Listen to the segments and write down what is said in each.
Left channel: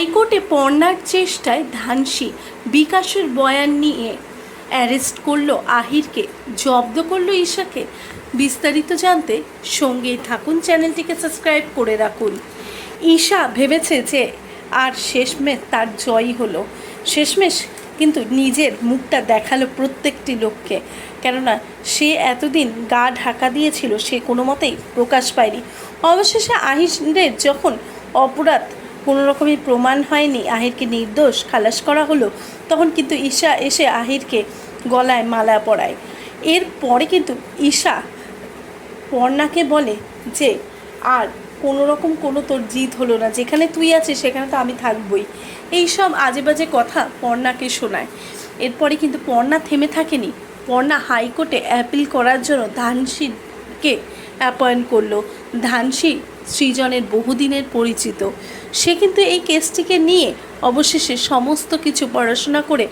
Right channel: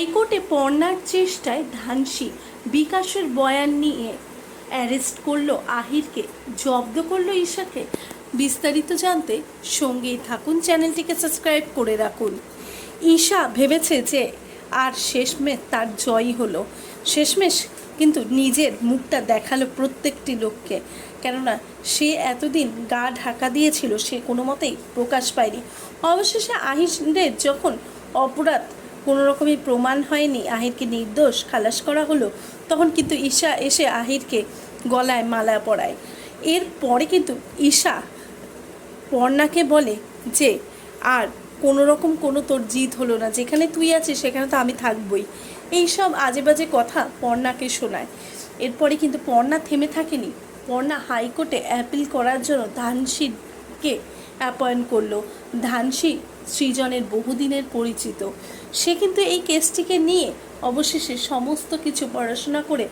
হাইকোর্টে পর্নার চেষ্টায় ধানসি বিকাশের বয়ান নিয়ে অ্যারেস্ট করল আহিরকে, জব্দ করল ঈশাকে। বিস্তারিত জানতে সঙ্গেই থাকুন, চ্যানেলটিকে সাবস্ক্রাইব করে রাখুন। ঈশা ভেবেছে যে আর শেষমেশ তার জয়ই হলো। শেষমেশ কিন্তু নিজের মুখটা দেখাল প্রত্যেকটি লোককে। কেননা সে এতদিন গা ঢাকা দিয়েছিল, সে কোনো মতেই প্রকাশ পায়নি। অবশেষে আহিরের যখন অপরাধ কোনো রকমই প্রমাণ হয়নি আহিরকে নির্দোষ, খালাস করা হলো, তখন কিন্তু ঈশা এসে আহিরকে গলায় মালা পরায়। এরপরে কিন্তু ঈশা পর্ণাকে বলে যে, আর কোনো রকম কোনো তোর জিত হলো না, যেখানে তুই আছিস সেখানে তো আমি থাকবই। এই সব আজে বাজে কথা পর্ণাকে শোনায়। এরপরে কিন্তু পর্ণা থেমে থাকেনি। পর্ণা হাইকোর্টে অ্যাপিল করার জন্য ধানসিকে অ্যাপয়েন্ট করল। ধানসি সৃজনের বহুদিনের পরিচিত। সে কিন্তু এই কেসটিকে নিয়ে অবশেষে সমস্ত কিছু পড়াশোনা করে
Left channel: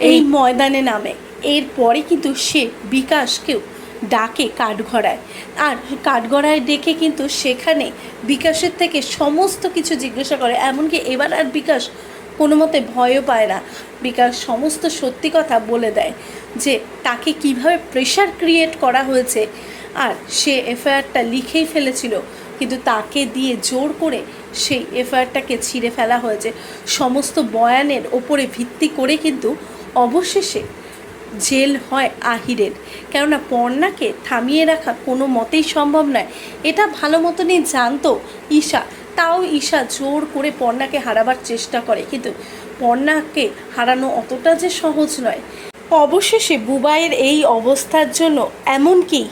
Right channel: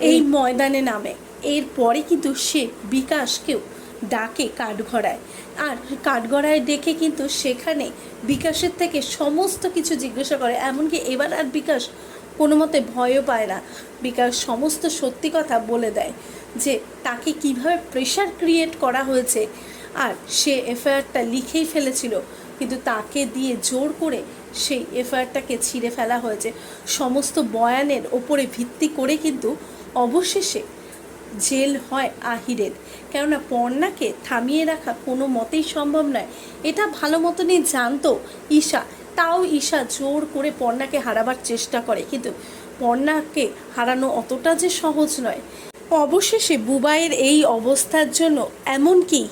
এই ময়দানে নামে। এরপরে কিন্তু সে বিকাশকেও ডাকে কাঠগড়ায়। আর কাঠগড়ায় ডেকে কিন্তু সেখানে বিকাশের থেকে সমস্ত কিছু জিজ্ঞাসা করে। এমনকি এবার আর বিকাশ কোনো মতে ভয়ও পায় না। বিকাশ সমস্ত সত্যি কথা বলে দেয় যে তাকে কীভাবে প্রেশার ক্রিয়েট করা হয়েছে। আর সে এফআইআরটা লিখেই ফেলেছিল। কিন্তু তাকে দিয়ে জোর করে সেই এফআইআরটাকে ছিঁড়ে ফেলা হয়েছে। সমস্ত বয়ানের ওপরে ভিত্তি করে কিন্তু অবশেষে জেল হয় আহিরের। কেননা পর্ণাকে থামিয়ে রাখা কোনো মতেই সম্ভব নয়। এটা ভালো মতনই জানতো ঈশা। তাও ঈশা জোর করে পর্ণাকে হারাবার চেষ্টা করে। কিন্তু পর্ণাকে হারানো অতটা যে সহজ নয়। অবশেষে বুবাইয়ের এই অবস্থার জন্য এমনকি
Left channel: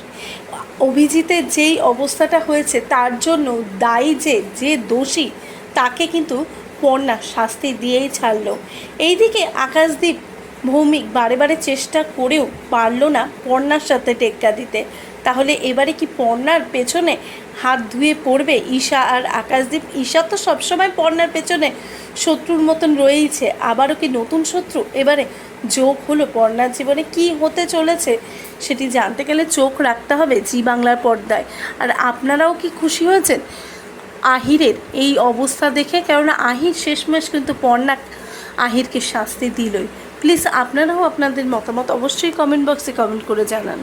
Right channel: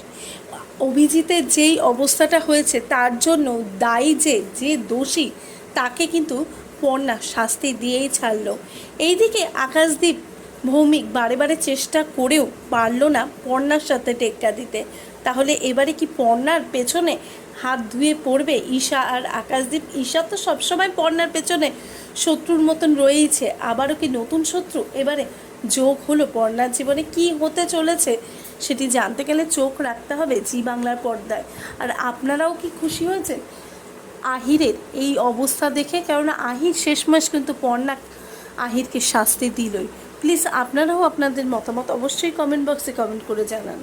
অভিজিতের যেই অবস্থাটা হয়েছে, তার জন্য দায়ী যে যে দোষী, তাকে কিন্তু কন্যা শাস্তি দিয়েই ছাড়লো। এইদিকে আকাশদ্বীপ ভৌমিক বারে বারে চেষ্টা করেও পারল না কন্যার সাথে টেক্কা দিতে। তাহলে এবারে কি পর্ণার পেছনে হাত ধুয়ে পড়বে? ঈশা আর আকাশদীপ, ঈশা তো সবসময় পর্ণার পেছনে শত্রুর মতন রয়েইছে, আবারও কি নতুন শত্রু? এবারে যোগ হলো পর্ণার জীবনে, কি হতে চলেছে সেটি জানতে গেলে চোখ রাখতে হবে জি বাংলার পর্দায়। আর আপনারাও কি খুশি হয়েছেন? আহিরের এই অবস্থা দেখে, কেননা আহির শেষমেশ কিন্তু পর্ণা আহিরকে শাস্তি দিলই। প্লিজ, আপনারাও আপনাদের মতামত অবশ্যই কমেন্ট বক্সে কমেন্ট করে জানান।